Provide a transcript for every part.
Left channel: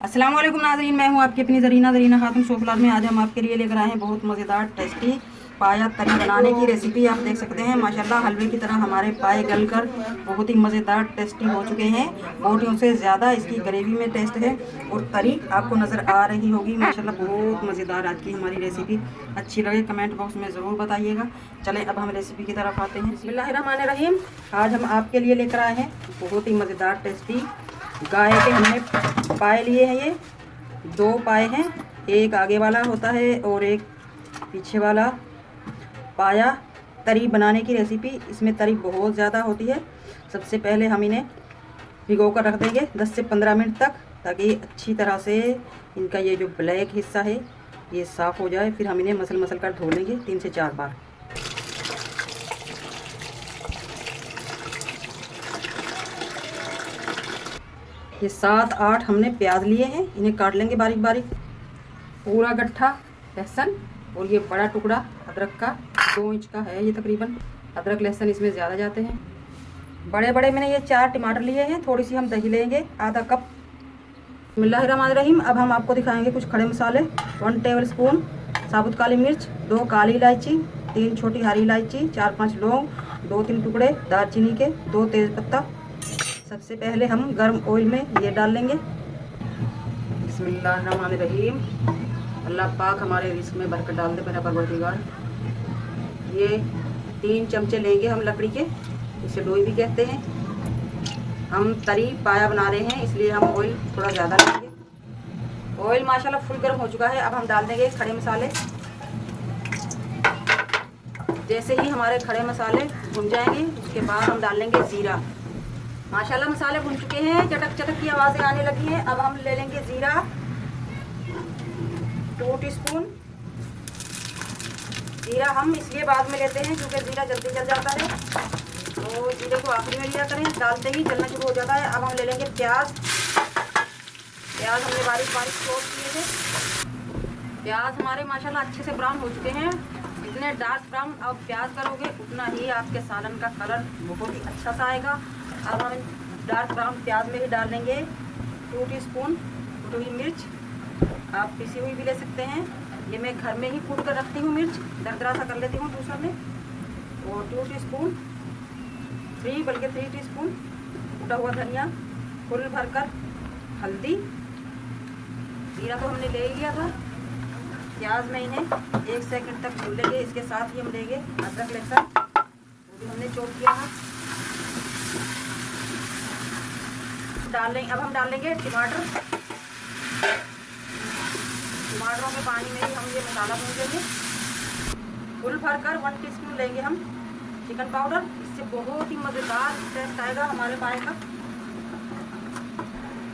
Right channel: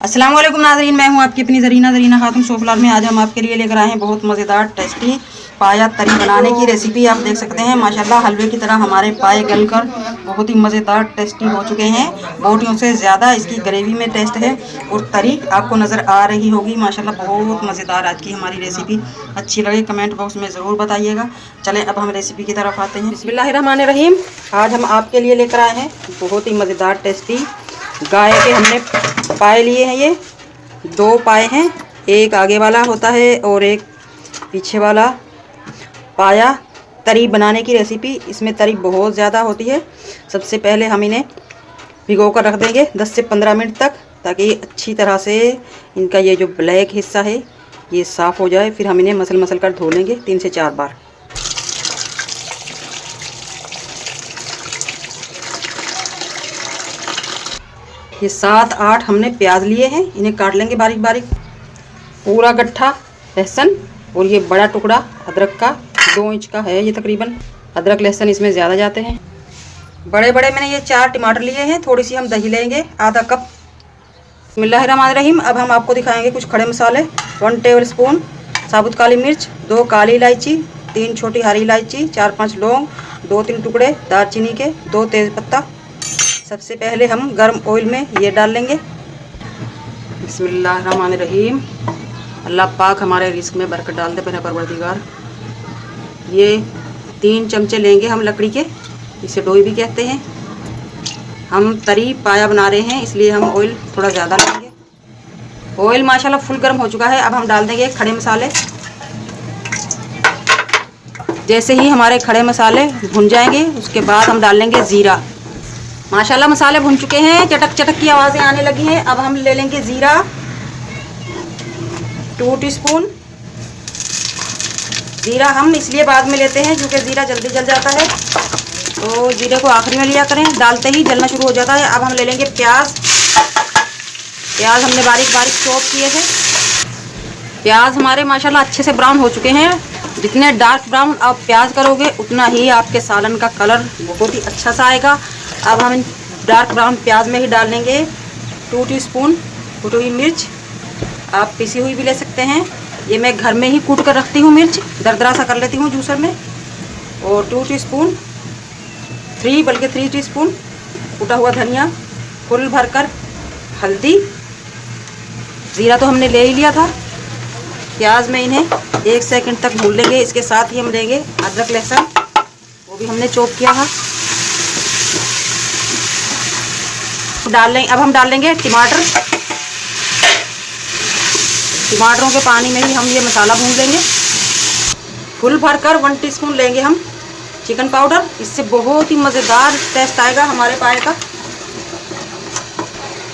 अस्सलाम वालेकुम नाज़रीन, मैं हूं आपकी अपनी ज़रीना खातून सोफलार में। आज हम आपके लिए लेकर आए हैं बहुत मज़ेदार टेस्टी पाया तरी बनाने की रेसिपी। आप देख सकते हैं माशाल्लाह हलवे की तरह हमारे पाए गलकर बहुत ही मज़ेदार टेस्टी हो चुके हैं। बोटियों से ज़्यादा इसकी ग्रेवी में टेस्ट है और तरी आपको नज़र आ रही होगी। माशाल्लाह बहुत मज़ेदार आज की हमारी रेसिपी। अच्छी लगे कमेंट बॉक्स में ज़रूर बताइएगा। चलें अब हम रेसिपी की तरफ आते हैं। बिस्मिल्लाहिर्रहमानिर्रहीम। आज हम आपके लिए लेकर आए हैं बहुत ही मज़ेदार टेस्टी गाय के हमने पाए लिए हैं। ये 2 पाए हैं, एक आगे वाला होता है और एक पीछे वाला। पाया तरी बनाने की रेसिपी, इसमें तरी बहुत ज़्यादा होती है। सबसे पहले हम इन्हें भिगो कर रख देंगे 10 से 15 मिनट तक, ताकि अच्छी तरह से इनका ये जो ब्लैक हिस्सा है ये साफ़ हो जाए। फिर हम इन्हें मसल कर धो लेंगे 3 से 4 बार। ये 7-8 हमने प्याज लिए हैं, इन्हें काट लेंगे बारीक बारीक। पूरा गट्ठा लहसुन और ये बड़ा टुकड़ा अदरक का 2 इंच का है ये तकरीबन। अदरक लहसुन इसमें ज़्यादा जाते हैं। बड़े बड़े मैंने ये 4 टमाटर लिए हैं। थोड़ी सी हम दही लेंगे, आधा कप। बिस्मिल्लाहिर्रहमानिर्रहीम। अब हम आपको दिखाएंगे कुछ खड़े मसाले। 1 टेबल स्पून साबुत काली मिर्च, 2 काली इलायची, 3 छोटी हरी इलायची, 4-5 लौंग, 2-3 टुकड़े दालचीनी के, 2 तेज़पत्ता। सबसे पहले हम गर्म ऑयल में ये डाल लेंगे। बिस्मिल्लाहिर्रहमानिर्रहीम। अल्लाह पाक हमारे रिस्क में बरकत डाल दे मेरा परवरदिगार। ये 3 चमचे लेंगे हम लकड़ी के, इसे डोई भी कहते हैं। हम तरी पाया बना रहे हैं इसलिए हम ऑयल थोड़ा ज़्यादा लेंगे। ऑयल माशाल्लाह फुल गर्म हो चुका है। अब हम डाल देंगे खड़े मसाले। जैसे ही हमारे खड़े मसाले भुन जाएंगे उसके बाद हम डाल लेंगे ज़ीरा। माशाल्लाह मसाले भुन चुके हैं, चटक चटक की आवाज़ें आने लगी हैं। अब हम ले लेंगे ज़ीरा 2 टीस्पून। ज़ीरा हम इसलिए बाद में लेते हैं क्योंकि ज़ीरा जल्दी जल जाता है, तो ज़ीरे को आखिरी में लिया करें, डालते ही जलना शुरू हो जाता है। अब हम ले लेंगे प्याज। प्याज हमने बारीक बारीक चॉप किए थे। प्याज हमारे माशाल्लाह अच्छे से ब्राउन हो चुके हैं। जितने डार्क ब्राउन आप प्याज करोगे उतना ही आपके सालन का कलर बहुत ही अच्छा सा आएगा। अब हम डार्क ब्राउन प्याज में ही डाल लेंगे 2 टीस्पून कुटी हुई मिर्च। आप पिसी हुई भी ले सकते हैं, ये मैं घर में ही कूट कर रखती हूँ। मिर्च दरदरा सा कर लेती हूँ जूसर में। और 2 टीस्पून 3 टीस्पून कूटा हुआ धनिया, फुल भरकर हल्दी। ज़ीरा तो हमने ले ही लिया था। प्याज में इन्हें 1 सेकंड तक भून लेंगे। इसके साथ ही हम लेंगे अदरक लहसुन, वो भी हमने चॉप किया था, डाल लेंगे। अब हम डाल लेंगे टमाटर। टमाटरों के पानी में ही हम ये मसाला भून लेंगे। फुल भरकर 1 टीस्पून लेंगे हम चिकन पाउडर। इससे बहुत ही मज़ेदार टेस्ट आएगा हमारे पाए का।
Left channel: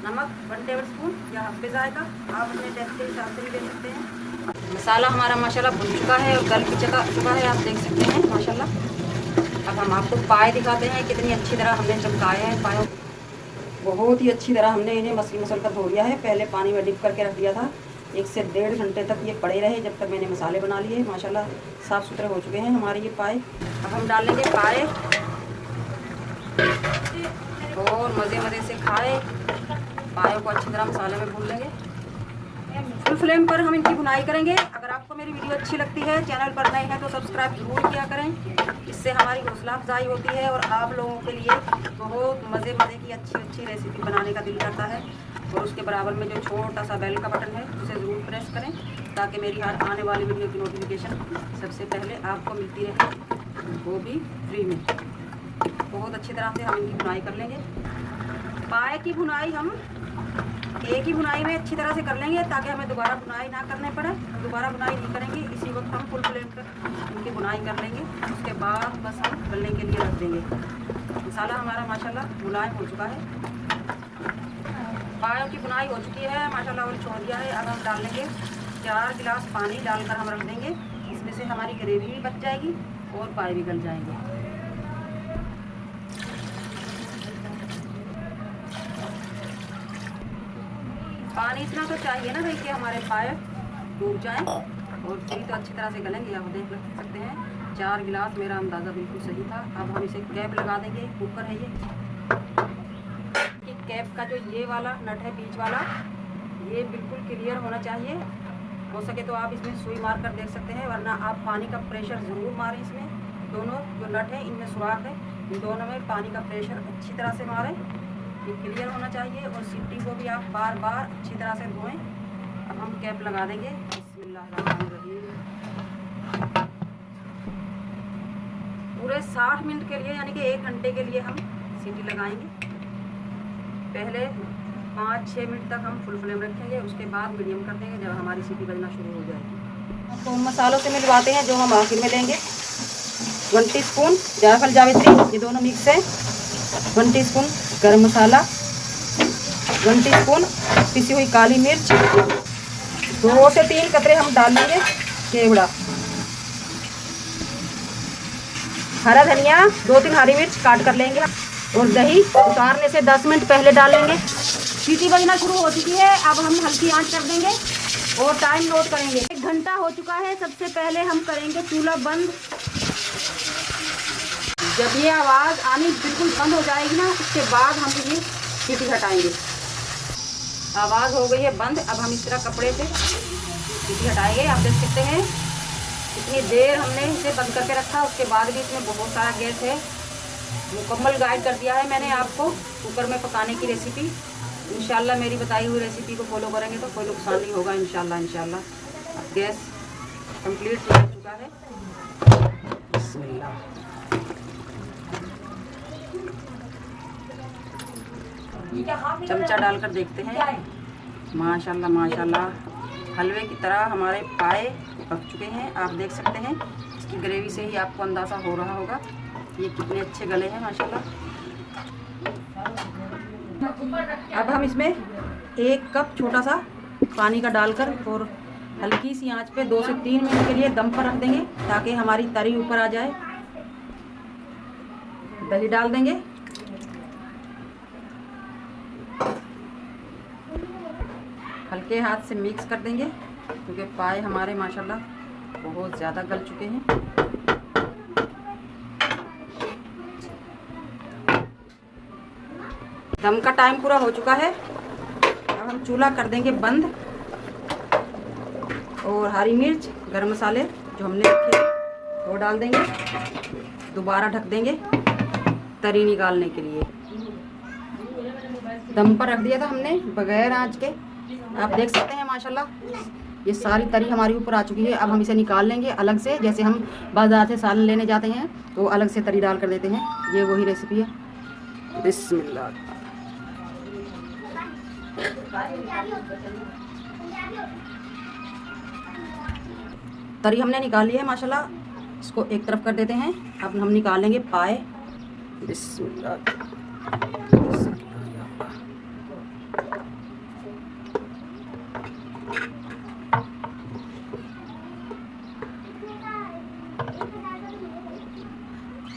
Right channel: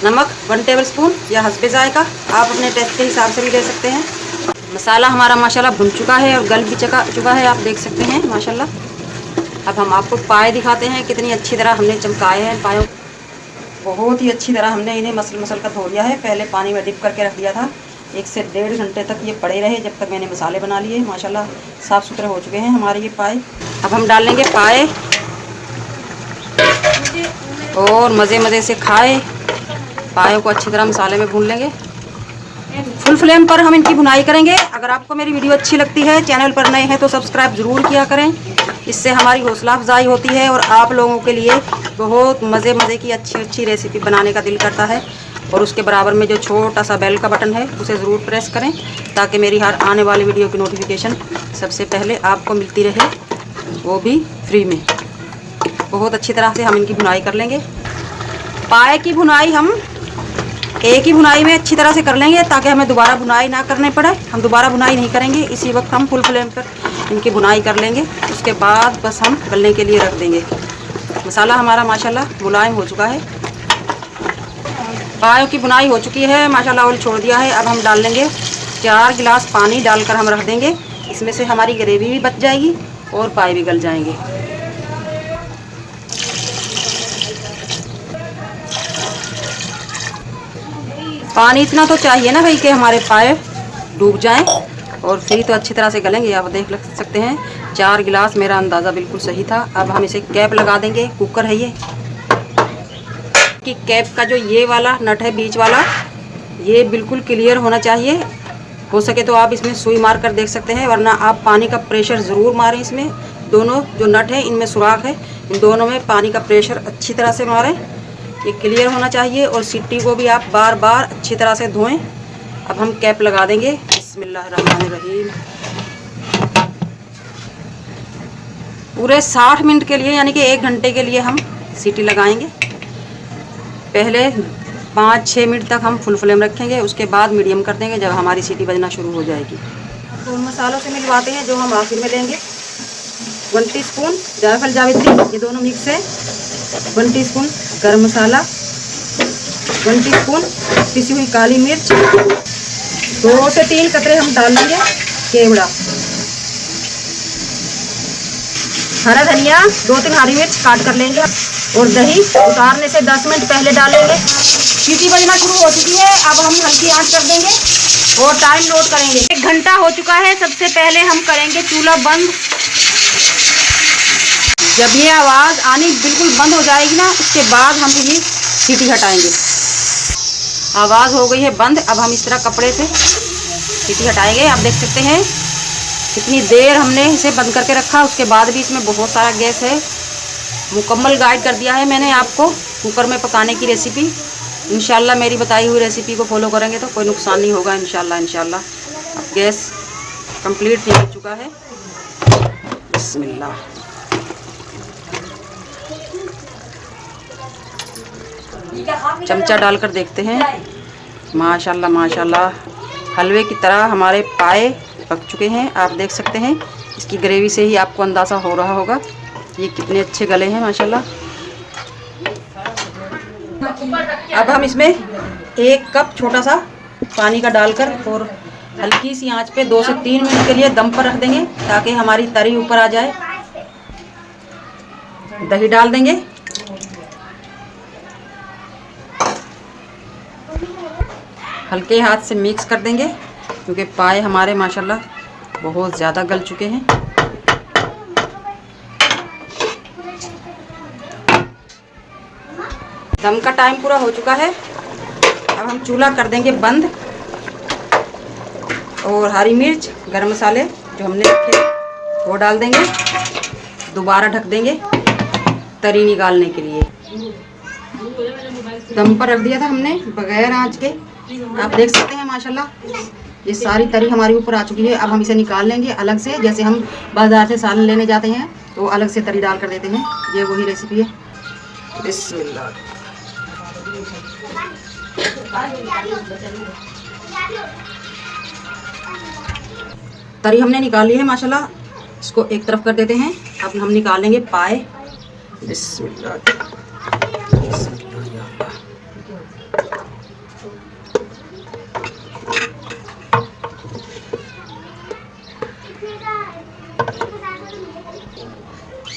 नमक 1 टेबल स्पून या हस्बे जायका, आप अपने टेस्ट के हिसाब से भी ले सकते हैं। मसाला हमारा माशाल्लाह भुन चुका है और गल भी चुका है, आप देख सकते हैं माशाल्लाह। अब हम आपको पाए दिखाते हैं कितनी अच्छी तरह हमने चमकाए हैं पायों। बहुत ही अच्छी तरह हमने इन्हें मसल कर धो लिया है। पहले पानी में डिप करके रख दिया था। 1 से 1.5 घंटे तक ये पड़े रहे जब तक मैंने मसाले बना लिए। माशाल्लाह साफ़ सुथरे हो चुके हैं हमारे ये पाए। अब हम डाल लेंगे पाए और मज़े से खाए। पाए को अच्छी तरह मसाले में भून लेंगे। फुल फ्लेम पर हम इनकी भुनाई करेंगे। अगर आपको मेरी वीडियो अच्छी लगती है, चैनल पर नए हैं तो सब्सक्राइब ज़रूर किया करें। इससे हमारी हौसला अफजाई होती है और आप लोगों के लिए बहुत मज़े की अच्छी रेसिपी बनाने का दिल करता है। और उसके बराबर में जो छोटा सा बेल का बटन है उसे ज़रूर प्रेस करें, ताकि मेरी हर आने वाली वीडियो की नोटिफिकेशन सबसे पहले आपको मिलती रहे, वो भी फ्री में। बहुत अच्छी तरह से हम इनकी भुनाई कर लेंगे। पाए की भुनाई हम एक ही भुनाई में अच्छी तरह से कर लेंगे, ताकि हमें दोबारा भुनाई ना करने पड़े। हम दोबारा भुनाई नहीं करेंगे, इसी वक्त हम फुल फ्लेम पर इनकी भुनाई कर लेंगे। उसके बाद बस हम गलने के लिए रख देंगे। मसाला हमारा माशाल्लाह मुलायम हो चुका है। पायों की भुनाई हो चुकी है माशाल्लाह, ऑयल छोड़ दिया है। अब हम डाल लेंगे 4 गिलास पानी डालकर हम रख देंगे। इसमें से हमारी ग्रेवी भी बच जाएगी और पाए भी गल जाएंगे। पानी इतना तो चाहिए ना भाई कि हमारे पाए डूब जाएं, और फिर तो अच्छी तरह से गलेंगे। आप देख सकते हैं 4 गिलास मेरा अंदाज़ा बिल्कुल सही था। अब हम इसे कैप लगा देंगे। कुकर है ये कि कैप का जो ये वाला नट है बीच वाला, ये बिल्कुल क्लियर होना चाहिए। हो सके तो आप इसमें सुई मार कर देख सकते हैं, वरना आप पानी का प्रेशर ज़रूर मारें। इसमें दोनों जो नट है इनमें सुराख है, इन दोनों में पानी का प्रेशर अच्छी तरह से मारें। ये क्लियर होना चाहिए। और सीटी को भी आप बार बार अच्छी तरह से धोएं। अब हम कैप लगा देंगे। बिस्मिल्लाहिर्रहमानिर्रहीम। पूरे 60 मिनट के लिए यानी कि 1 घंटे के लिए हम सीटी लगाएंगे। पहले 5-6 मिनट तक हम फुल फ्लेम रखेंगे, उसके बाद मीडियम कर देंगे जब हमारी सीटी बजना शुरू हो जाएगी। तो मसालों से मिलवाते हैं जो हम आखिर में लेंगे। 1 टीस्पून जायफल जावित्री, ये दोनों मिक्स है। 1 टीस्पून गरम मसाला, 1 टीस्पून पिसी हुई काली मिर्च, 2 से 3 कतरे हम डाल लेंगे केवड़ा, हरा धनिया, 2-3 हरी मिर्च काट कर लेंगे। और दही उतारने से 10 मिनट पहले डालेंगे। सीटी बजना शुरू हो चुकी है, अब हम हल्की आंच कर देंगे और टाइम नोट करेंगे। 1 घंटा हो चुका है। सबसे पहले हम करेंगे चूल्हा बंद। जब ये आवाज़ आनी बिल्कुल बंद हो जाएगी ना, उसके बाद हम ये सीटी हटाएंगे। आवाज़ हो गई है बंद। अब हम इस तरह कपड़े से सीटी हटाएंगे। आप देख सकते हैं कितनी देर हमने इसे बंद करके रखा, उसके बाद भी इसमें बहुत सारा गैस है। मुकम्मल गाइड कर दिया है मैंने आपको कुकर में पकाने की रेसिपी। इंशाल्लाह मेरी बताई हुई रेसिपी को फॉलो करेंगे तो कोई नुकसान नहीं होगा इंशाल्लाह। गैस कंप्लीट ठीक हो चुका है। बिस्मिल्लाह। चमचा डालकर देखते हैं। माशाल्लाह माशाल्लाह हलवे की तरह हमारे पाए पक चुके हैं। आप देख सकते हैं इसकी ग्रेवी से ही आपको अंदाज़ा हो रहा होगा ये कितने अच्छे गले हैं माशाल्लाह। अब हम इसमें 1 कप छोटा सा पानी का डालकर और हल्की सी आंच पे 2 से 3 मिनट के लिए दम पर रख देंगे ताकि हमारी तरी ऊपर आ जाए। दही डाल देंगे, हल्के हाथ से मिक्स कर देंगे क्योंकि पाए हमारे माशाल्लाह बहुत ज़्यादा गल चुके हैं। दम का टाइम पूरा हो चुका है। अब हम चूल्हा कर देंगे बंद और हरी मिर्च गरम मसाले जो हमने रखे वो डाल देंगे। दोबारा ढक देंगे तरी निकालने के लिए। दम पर रख दिया था हमने बगैर आंच के। आप देख सकते हैं माशाल्लाह ये सारी तरी हमारी ऊपर आ चुकी है। अब हम इसे निकाल लेंगे अलग से, जैसे हम बाजार से सालन लेने जाते हैं तो अलग से तरी डाल कर देते हैं। ये वही रेसिपी है। बिस्मिल्लाह। तरी हमने निकाल ली है माशाल्लाह। इसको एक तरफ कर देते हैं। अब हम निकालेंगे पाए। बिस्मिल्लाह।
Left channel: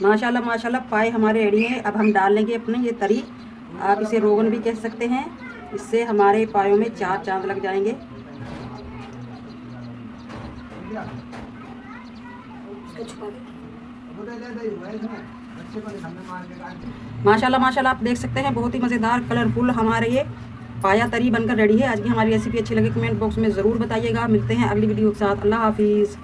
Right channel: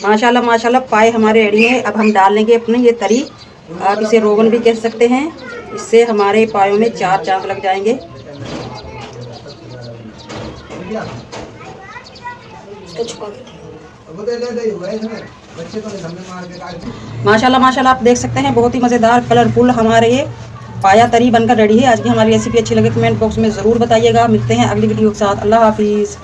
माशाल्लाह माशाल्लाह पाए हमारे रेडी है। अब हम डाल लेंगे अपने ये तरी। आप इसे रोगन भी कह सकते हैं। इससे हमारे पायों में 4 चांद लग जाएंगे। माशाल्लाह माशाल्लाह आप देख सकते हैं बहुत ही मज़ेदार कलरफुल हमारे ये पाया तरी बनकर रेडी है। आज की हमारी रेसिपी अच्छी लगे कमेंट बॉक्स में ज़रूर बताइएगा। मिलते हैं अगली वीडियो के साथ। अल्लाह हाफिज़।